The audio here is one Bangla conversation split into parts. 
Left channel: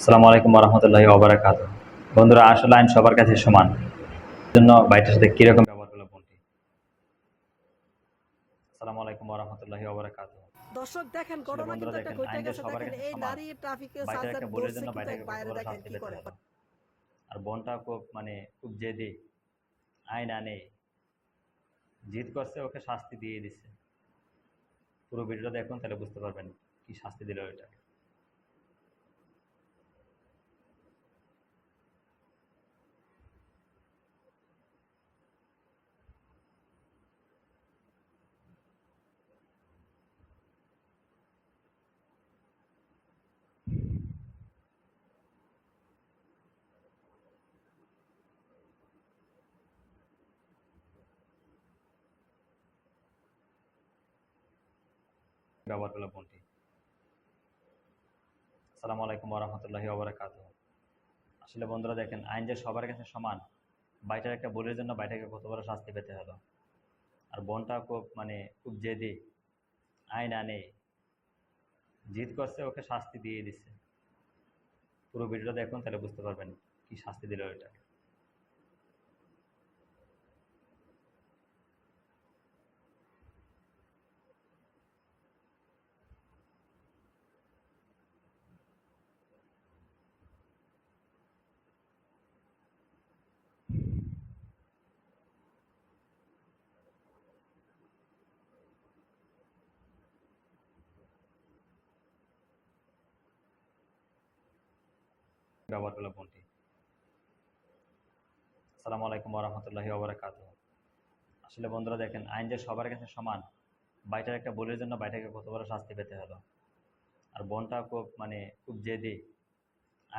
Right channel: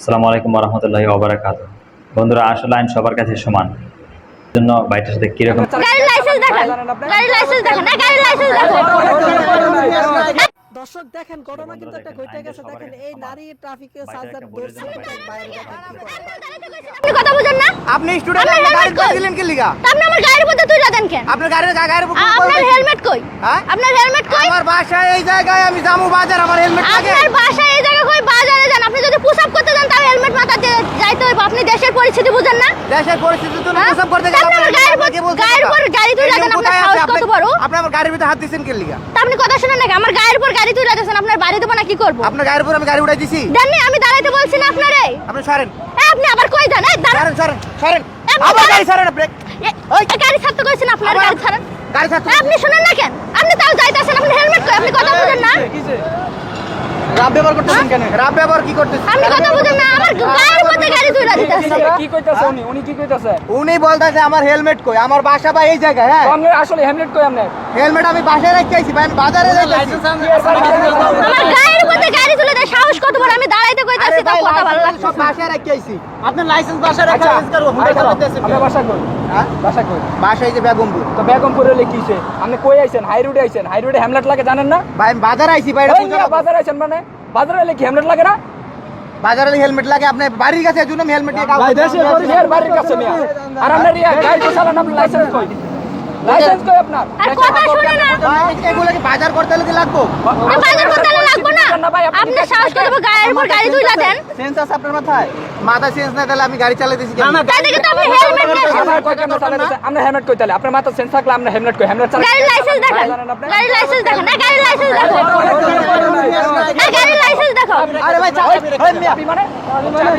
আসসালামু আলাইকুম রহমতুল্লাহি ওবরাকাত বন্ধুরা আসলে আইন সবার কাছে সমান। জন্য বাইটার সাথে কীরকম দর্শক দেখেন ঘটনা কিন্তু একটা ঘটে গেছে। দেখেন এই নারী ট্রাফিকে কথা বুঝেন না? আপনি স্টুডেন্ট আপনি দিলেন কি লিগা? আপনি আমার গাড়ির মধ্যে তুই দেন কেন? আপনার গাড়ির গাড়ির আপনার হেলমেট কই? হ্যাঁ? আপনার হেলমেট কই? আমার বাসায় এই জায়গায় আমি জামু বাজার আমার হেলমেট লাগে আপনার বাসায় এই জায়গা কই বাজারে যান আপনি যদি পুশ আপ করতে যান তাহলে হেলমেট মাথাতে যাইতে হইব আপনি দেশের পরিস্থিতি বুঝেন না? দেশের জন্য হ্যাঁ? প্রসব করতে তা গেলে আপনি আমার গাড়ির উপর- কথা। উপর গাড়ি এই দেন, আপনার সাহস কত বড়? আপনি আমার গাড়ির ভিতরে হাত দিছেন কি লিগা? তা আপনি কথা শুনেন নাকি আমার গাড়ির উপর গাড়ি তুলে দিয়েছেন আপনার বাড়ি দেবো না কি করব? আপনার গায়ের উপর আমি গাড়ি উঠাই দিছি। জাননি আমি দাঁড়াইতে বলছি না আপনারে। আপনি সরেন। এ, আপনি আবার কই যান? এই দাঁড়ান। সরেন সরেন আবার। গাড়ি সরেন ব্রেক এ, এ, গাড়ি ছাড়তে কইছেন আপনার? গাড়ি ছাড়েন। গাড়ি ছাড়তে আপনি শুনেন না কেন? আপনি তাও যাইতেছেন আপনি হেলমেট কই আপনি কথা বলেন না? রাব ব্যবহার করতেছেন কেন? রাব ব্যবহার কি করতেছেন? আপনি কথা বুঝেন না আমার গায়ের মধ্যে গাড়ি তুলে দিতেছে কি কইতাছে উনি? উনি কি কইতাছে? উনি বলতেছে আমার হেলমেট কই? আমার বাসা বা এই জায়গায় হ্যাঁ? আমি আসলে হেমলেট কই আমনে হেলমেট আমি বাসায় রেখে আইছি ভাই আমি বাজারে যাইতেছি আমার গায়ের মধ্যে গাড়ি তুলে দেয় সাহস কত বড় আমি দাঁড়াইতে কইতাছি ভাই কথা ভালো লাইসেন্স লাগছে সব বাসায় রেখে আইছি। আপনার লাইসেন্স বাসায় রেখে আচ্ছা আইছি হুন্ডা বাসা কই? হ্যাঁ? বাসা কই? বাসায় যে বেগমপুর। তো বেগমপুর হলে কিছে আপনি কই আইছেন? হাই রোডে আইছেন? হাই রোডে হেমলেট লাগে জানেন না? ভাই বাজারে আইছি ভাই এই বাজারে আইছেন মানে? বাজারে হলে কি হেমলেট লাগে না? বাজারে হেলমেট লাগে আপনি বাড়ির কাছে জন্য হেলমেট দিয়ে কাগজ এর বাড়ির কাছে মিয়া। আর আপনার ইয়া গাড়ি তো চালান আপনার লাইসেন্স কই? লাইসেন্স কই আপনার? কথা শুনে না। এগুলো কি বাজার করতে হলে লাগবো? বাজার করতে লাগবো না? না আপনি আপনি সাহস করে গায়ের উপর গাড়ি তুলে দেন। সেন্স আছে আপনার মাথায়? মাথায় সেন্স না তাহলে আমি গাড়ি চালাতেছি কেন তাই দেখে তো আপনি হেলমেট আমার হেলমেট কই তাহলে আপনার মাথা সেন্স থাকলে আমরা হেলমেট কই হেলমেট চালান গাড়ির লাইসেন্স দেখান গাড়ির লাইসেন্স দেখান না গাড়ির লাইসেন্স দেখান না গাড়ির লাইসেন্স দেখাও আরে ভাই মানে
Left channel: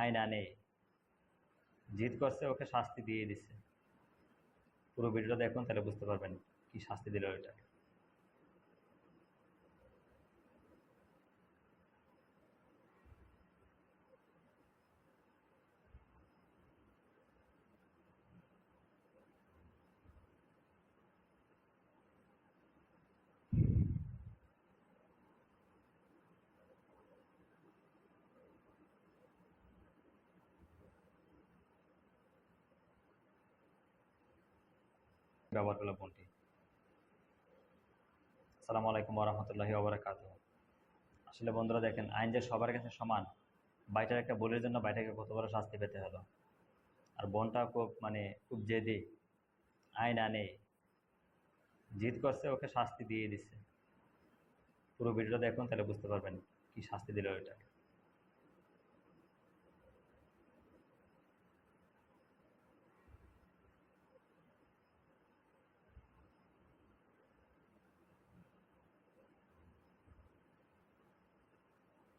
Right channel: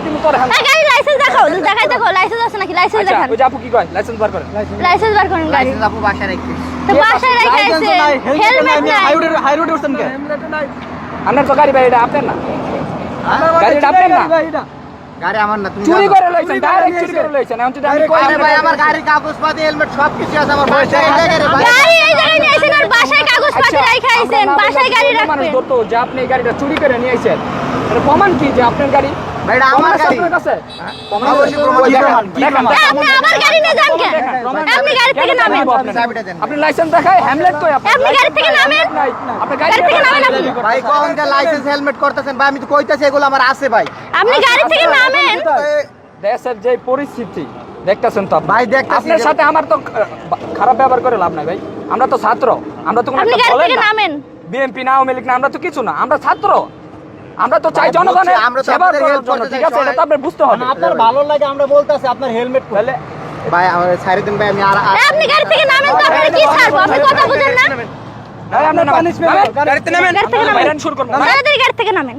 তুমি তোর না গাড়ির লাইসেন্স দেখাও দেখাই দেখো লাইসেন্স আছে নাকি লাইসেন্স আচ্ছা ওই আপু কি কয় লাইসেন্স বার করেন লাইসেন্স বার করেন গাড়ি লাইসেন্স আপু বাসায় রেখে তো বাসায় রেখে আইছেন হেলমেট নাই হাই রোডে উঠছেন কে আপনার তো গাড়ি ভাই এটা আপনার না গাড়িটা আপনার না গাড়ি আমার না তুমি চুরি করে লইছেন ডাইরেক্ট চুরি করে লইছেন এখন যদি আমি কই ভাই আমার গাড়ির কাগজ হেলমেট সব কিছু আছে আমার বাসায় এই জায়গায় গাড়ি এই জায়গায় নিয়ে আর বাসায় কাগজ রাখা আইছেন বাসায় গাড়ি মানুষ রাখবেন যে আপনি এই গাড়িটা চুরি করে নিয়ে আইছেন এটা প্রমাণ কি যে আপনার গাড়ি? ভাই আমার গাড়ি। আপনার কাছে? অবশ্যই প্রমাণ ওই দেখান। দেখেন, দেখেন, এ, আপনি আবার গাড়ি নিয়ে যান আপনি গাড়ি থেকে নামেন। আপনি? লাইসেন্স দেখায় হ্যামলেট কই? আপনার আপনি গাড়ি থেকে নামেন। আপনি গাড়ি থেকে নামেন আপনি। ভাই কোন যে লাইসেন্স হেলমেট করতেছেন ভাই আমি তো কইতাছি এগুলো আমার আছে ভাই। আপনি গাড়ি থেকে নামেন। দেশের যে পরিস্থিতি দেখতেছেন তো ভাই, দেখতাছি। আপনার সাথে আমার তো খারাপ ব্যবহার করে লাভ নাই ভাই। আমরা তো ছাত্র আমরা তো কোনো আপনি গাড়ি থেকে না। নামেন। বিএনপি না আওয়ামী লীগ না আমরা তো কিছু না আমরা ছাত্র। আমরা তো চাই জনগণের আমরা তো সেবা করার জন্য ঠিক আছে? এটা তো আপনার বুঝতে হবে। আপনার ভালো লাগে আমরা বলতাছি আপনার হেলমেট তাহলে ভাই আমার সাইড দিন ভাই আমি আর আপনি গাড়ি থেকে নামেন তো আপনারা কি ছাড়বো? আপনি কথা বুঝেন না। ভাই, আপনি নামেন। নামেন। গাড়িতে নামেন। গাড়ি থেকে নামেন শুরু করুন তাড়াতাড়ি গাড়ি থেকে নামেন।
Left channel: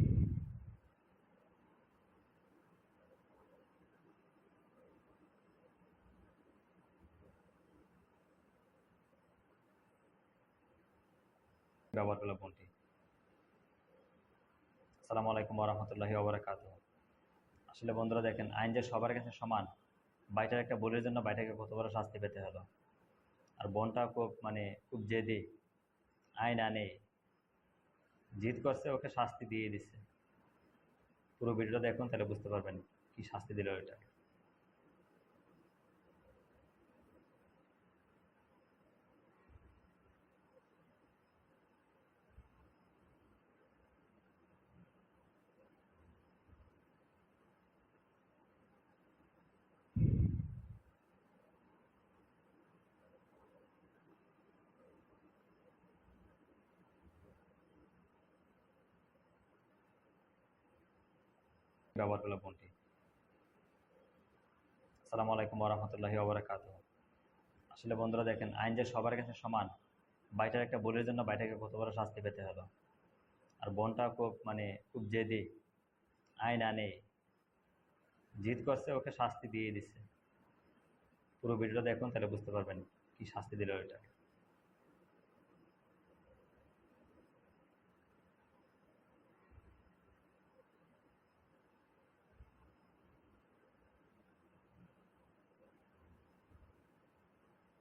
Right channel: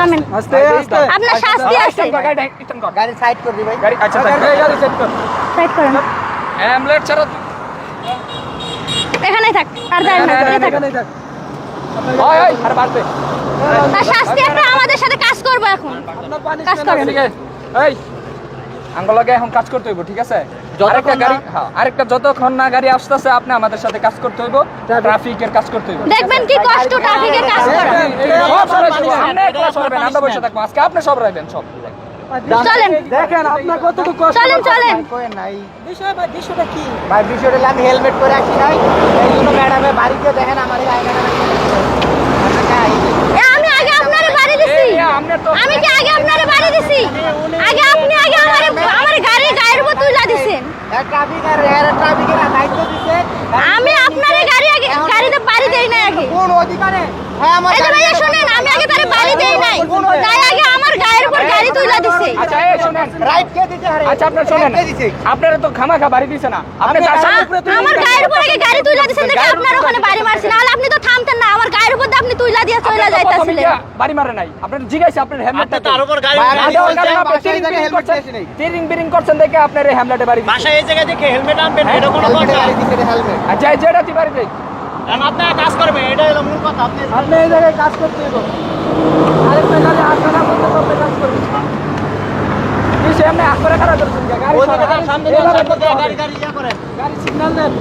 নামেন। আস্তে আস্তে আপনার শাস্তি আছে। গাড়ি সাইড করবি ভাই। গাড়ি আচ্ছা সাইড করেন। অ্যামলেট ছাড়া এখানেই থাক আর যায় না এখানেই থাক। আর বাড়বে তার শাস্তি একটা আমাদের সাথে কাজ করব এখন। কাজ করেন। এই। এখন কাজ করতে হইব ঠিক আছে? আরেকটা গাড়ি হ্যাঁ, আরেকটা যতক্ষণ না গাড়ি আসতেছে আপনি আমাদের সাথে কাজ করতে হইব ট্রাফিকের কাজ করতে হইব দেখবেন কি কষ্ট ট্রাফিকের কাজ করা। সব একলা সরাবেন, আমরা বসে থাকব। আজকে আপনি সব রাখবেন সব। চলেন। দেখেন আপনার কতটুকু কষ্ট চলেন চলেন। কই নাই। বিষয় বা বিষয়টা কি? ভাই বিষয়টা আমি হেলমেট করে আসি নাই। এই জন্য ম্যাডামে বাড়িতে দেখেন আমার আমি আগে আপনারে বাড়ি দিছি। আমি কি আগে আপনারে বাড়ি দিছি? আগে আপনি আগে আমারে আমার গাড়ি গায়ের উপর তুইলা দিছেন ট্রাফিক আর এর ট্রাফিকের দায়িত্ব দিছে আমি আপনার গাড়ি গাড়িতে বাড়ি দেই না কোন অধিকারে এই যে ভাইয়া শুনেন আমি আগে তারে বাড়ি দেই নাই। তাই আগে আমার গায়ের উপর গাড়ি তুইলা দিছে আচ্ছা এই শুনেন। রাইট কে দিতে হারে? আচ্ছা আপনার শোনেন। আপনারা তো খামাখা বাড়ি দিছে না। আপনি তার সামনে আ- আমার গায়ের উপর আগে গাড়ি তুইলা দিছেন দেখে আপনার ওখানে বাড়ি মারছি। নাহলে আপনি তো থামতেন না। আমার গায়ের উপর আপনি তুইলা দিয়ে চলে আপনার তো প্রথমে যাইতাছিলেন বাড়ি মারে নাই। আপনার জিজ্ঞাসা আপনার হেলমেটটা তার উপর গাড়ি টিরিং বিরিং করছেন। দেখে আপনার এই হেমলেটে বাড়ি দিছে। এই জায়গায় দেখে হেলমেট আনবেন এটা কোনো কথা। গাড়ি দিছে হেলমেট। আর যাই যেটা তুই বাড়ি দেই কারণ কাজ করবেন। আপনি এই জায়গায় কাজ করতে হবে আরেকটা গাড়ি আপনারা করতে করতে কাজ করবেন। কি সে এমনি খারাপ করছেন গাড়ি সামনে সামনে। গাড়ি গাড়ি ইয়া করেন। গাড়ি সিগন্যাল দেন।